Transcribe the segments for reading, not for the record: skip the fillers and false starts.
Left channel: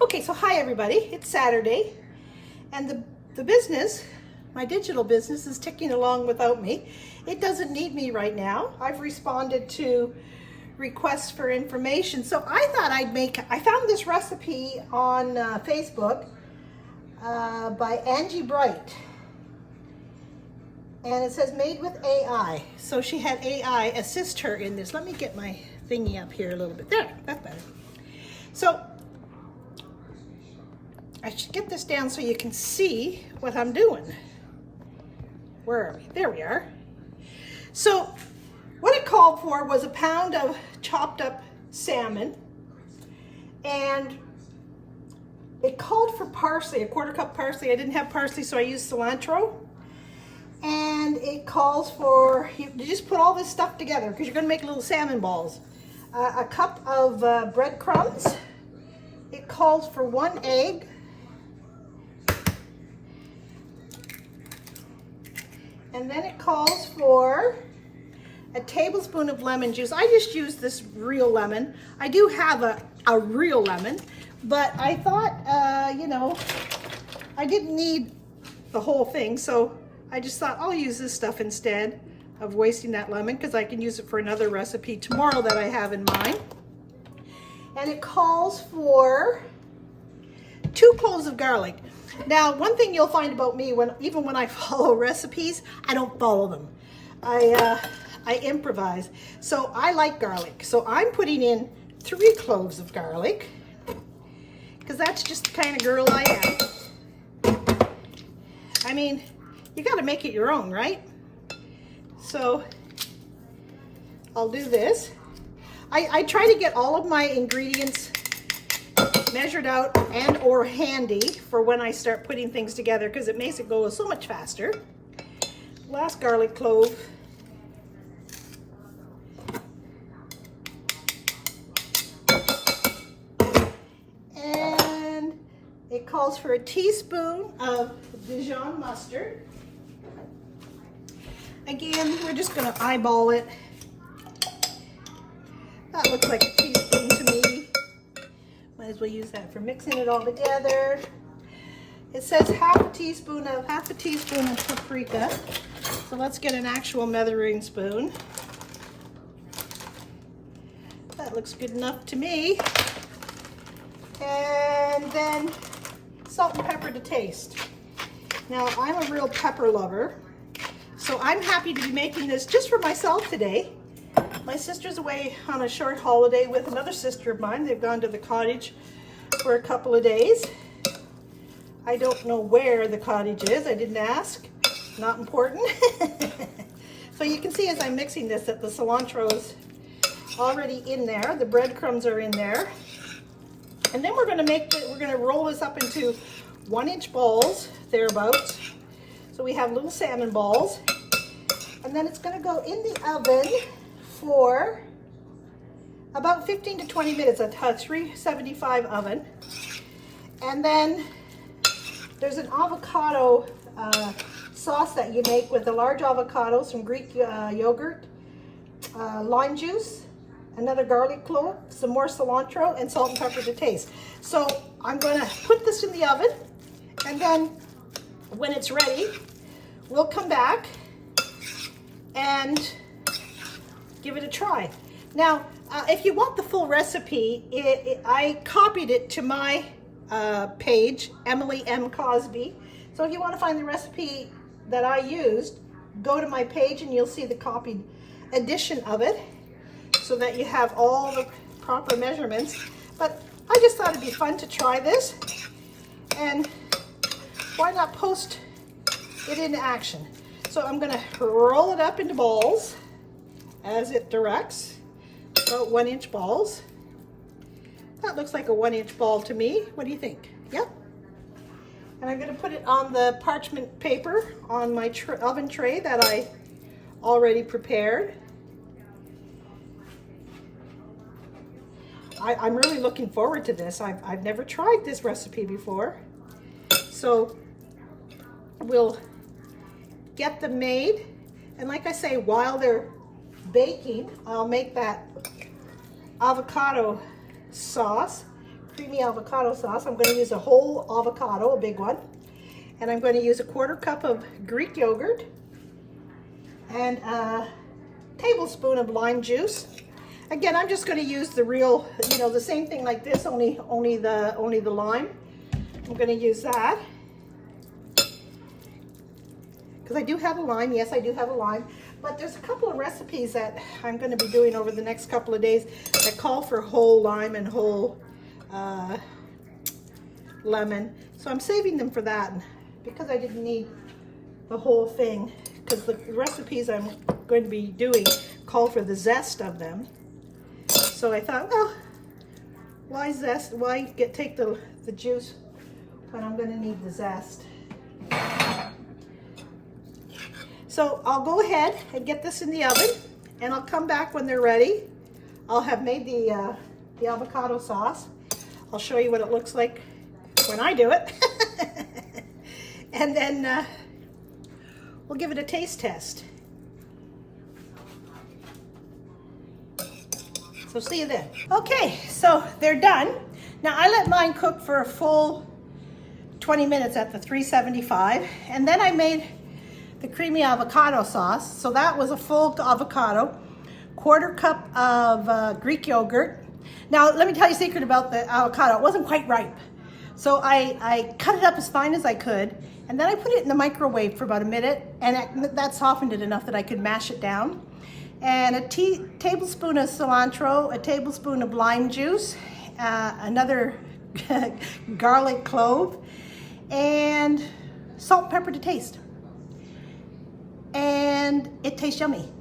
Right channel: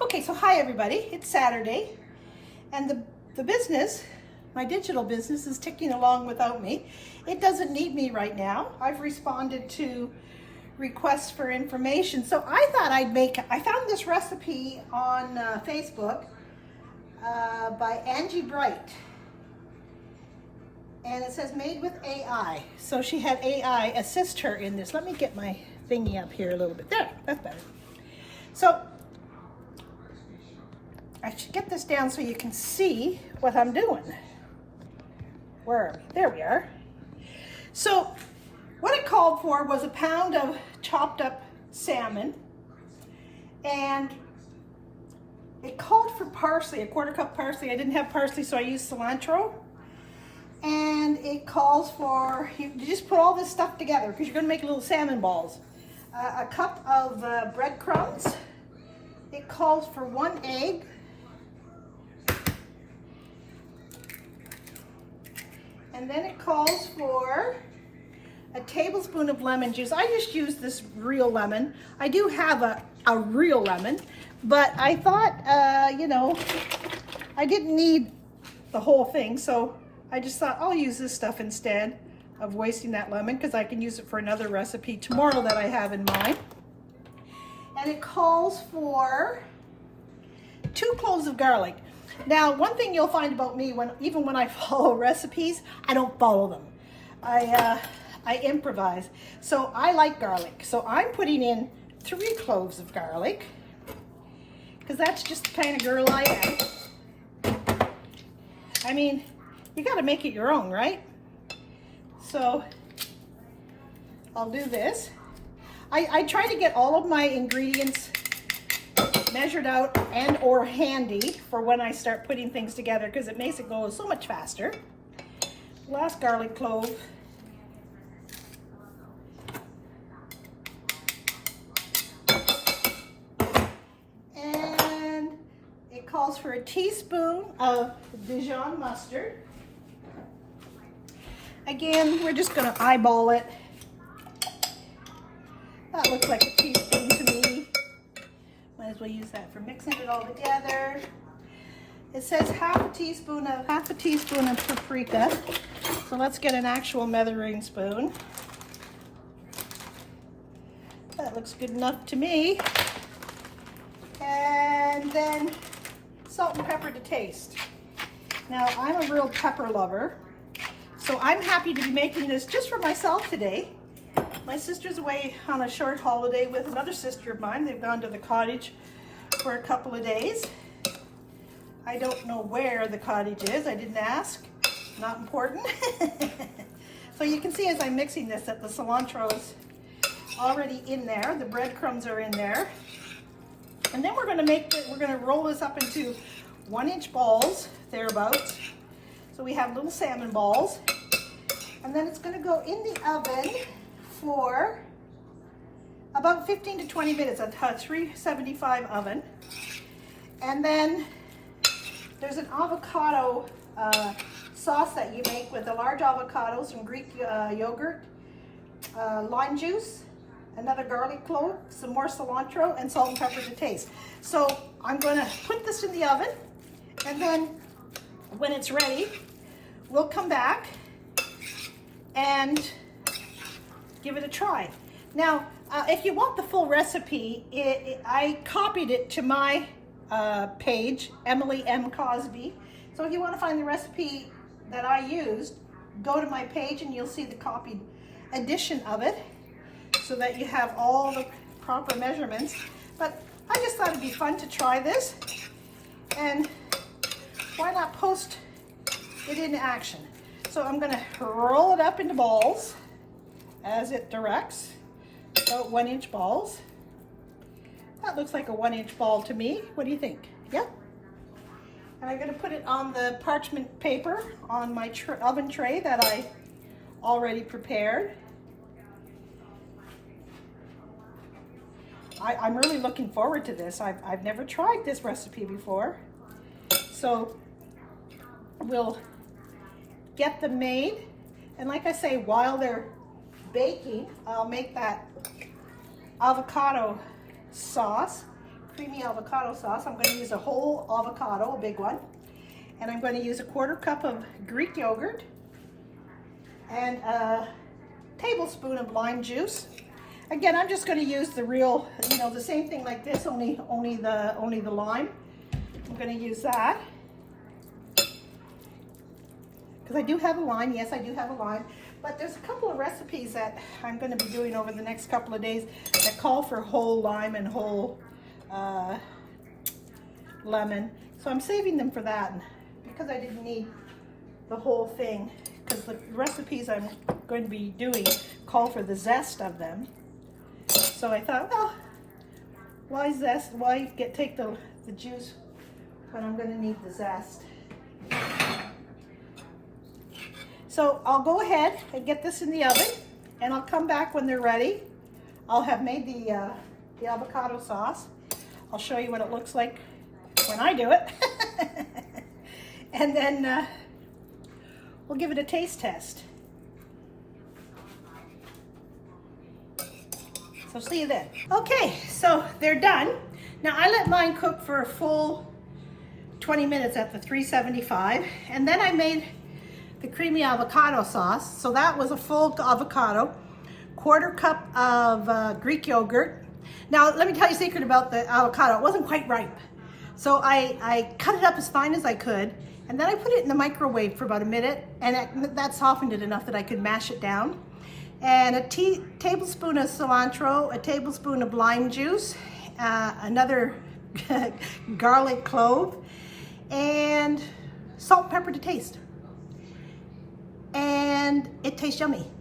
Okay, so hi everybody. It's Saturday, and the business, my digital business, is ticking along without me. It doesn't need me right now. I've responded to requests for information, so I thought I found this recipe on Facebook by Angie Bright, and it says made with AI. So she had AI assist her in this. Let me get my thingy up here a little bit. There, that's better. So I should get this down so you can see what I'm doing. Where are we? There we are. So what it called for was a pound of chopped up salmon, and it called for parsley, a quarter cup parsley. I didn't have parsley, so I used cilantro. And it calls for, you just put all this stuff together because you're going to make little salmon balls. A cup of breadcrumbs. It calls for 1 egg. And then it calls for a tablespoon of lemon juice. I just used this real lemon. I do have a real lemon, but I thought, I didn't need the whole thing, so I just thought I'll use this stuff instead of wasting that lemon, because I can use it for another recipe tomorrow that I have in mind. And it calls for 2 cloves of garlic. Now, one thing you'll find about me, even when I follow recipes, I don't follow them. I improvise. So I like garlic. So I'm putting in 3 cloves of garlic, because that's just the kind of girl I am. I mean, you got to make it your own, right? So I'll do this. I try to get all of my ingredients measured out and or handy for when I start putting things together, because it makes it go so much faster. Last garlic clove. And it calls for a teaspoon of Dijon mustard. Again, we're just going to eyeball it. That looks like a teaspoon to me. Might as well use that for mixing it all together. It says half a teaspoon of paprika. So let's get an actual measuring spoon. That looks good enough to me. And then salt and pepper to taste. Now, I'm a real pepper lover, so I'm happy to be making this just for myself today. My sister's away on a short holiday with another sister of mine. They've gone to the cottage for a couple of days. I don't know where the cottage is. I didn't ask. Not important. So you can see as I'm mixing this that the cilantro is already in there. The breadcrumbs are in there. And then we're going to roll this up into 1-inch balls, thereabouts. So we have little salmon balls. And then it's going to go in the oven for about 15 to 20 minutes at a 375 oven. And then there's an avocado sauce that you make with a large avocado, some Greek yogurt, lime juice, another garlic clove, some more cilantro, and salt and pepper to taste. So I'm going to put this in the oven, and then when it's ready, we'll come back and give it a try. Now, if you want the full recipe, I copied it to my page, Emily M. Cosby. So if you want to find the recipe that I used, go to my page and you'll see the copied edition of it, so that you have all the proper measurements. But I just thought it'd be fun to try this, and why not post it into action? So I'm going to roll it up into balls as it directs, about 1-inch balls. That looks like a 1-inch ball to me. What do you think? Yep. And I'm going to put it on the parchment paper on my oven tray that I already prepared. I'm really looking forward to this. I've never tried this recipe before. So we'll get them made. And like I say, while they're baking, I'll make that avocado sauce creamy avocado sauce. I'm going to use a whole avocado, a big one. And I'm going to use a 1/4 cup of Greek yogurt and a tablespoon of lime juice. Again, I'm just going to use the real, you know, the same thing like this, only the lime. I'm going to use that because I do have a lime. Yes, I do have a lime. But there's a couple of recipes that I'm going to be doing over the next couple of days that call for whole lime and whole lemon. So I'm saving them for that because I didn't need the whole thing, because the recipes I'm going to be doing call for the zest of them. So I thought, well, why zest? Why take the juice when I'm going to need the zest? So I'll go ahead and get this in the oven, and I'll come back when they're ready. I'll have made the avocado sauce. I'll show you what it looks like when I do it. And then we'll give it a taste test. So see you then. Okay, so they're done. Now I let mine cook for a full 20 minutes at the 375, and then I made the creamy avocado sauce. So that was a full avocado, 1/4 cup of Greek yogurt. Now let me tell you a secret about the avocado. It wasn't quite ripe. So I cut it up as fine as I could, and then I put it in the microwave for about a minute, and that softened it enough that I could mash it down. And a tablespoon of cilantro, a tablespoon of lime juice, another garlic clove, and salt and pepper to taste. And it tastes yummy.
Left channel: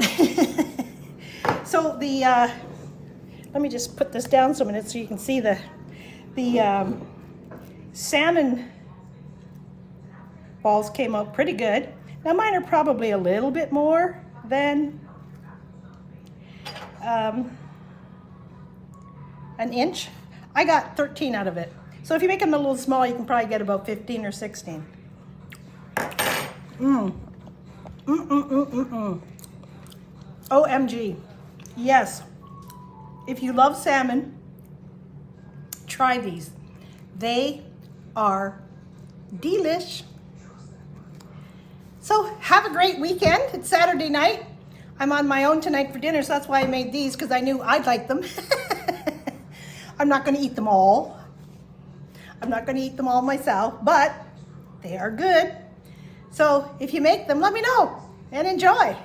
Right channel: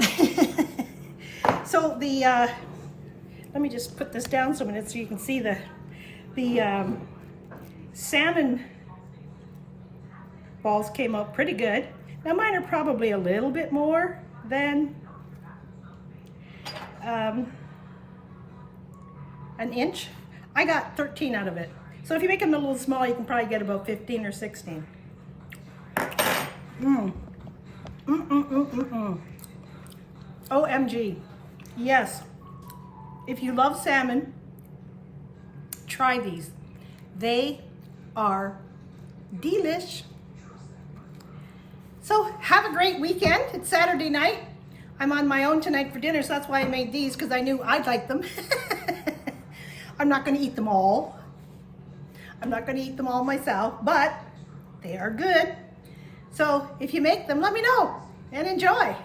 So let me just put this down so a minute so you can see the salmon balls came out pretty good. Now mine are probably a little bit more than an inch. I got 13 out of it. So if you make them a little small, you can probably get about 15 or 16. OMG. Yes. If you love salmon, try these. They are delish. So have a great weekend. It's Saturday night. I'm on my own tonight for dinner, so that's why I made these, because I knew I'd like them. I'm not going to eat them all. I'm not going to eat them all myself, but they are good. So if you make them, let me know and enjoy.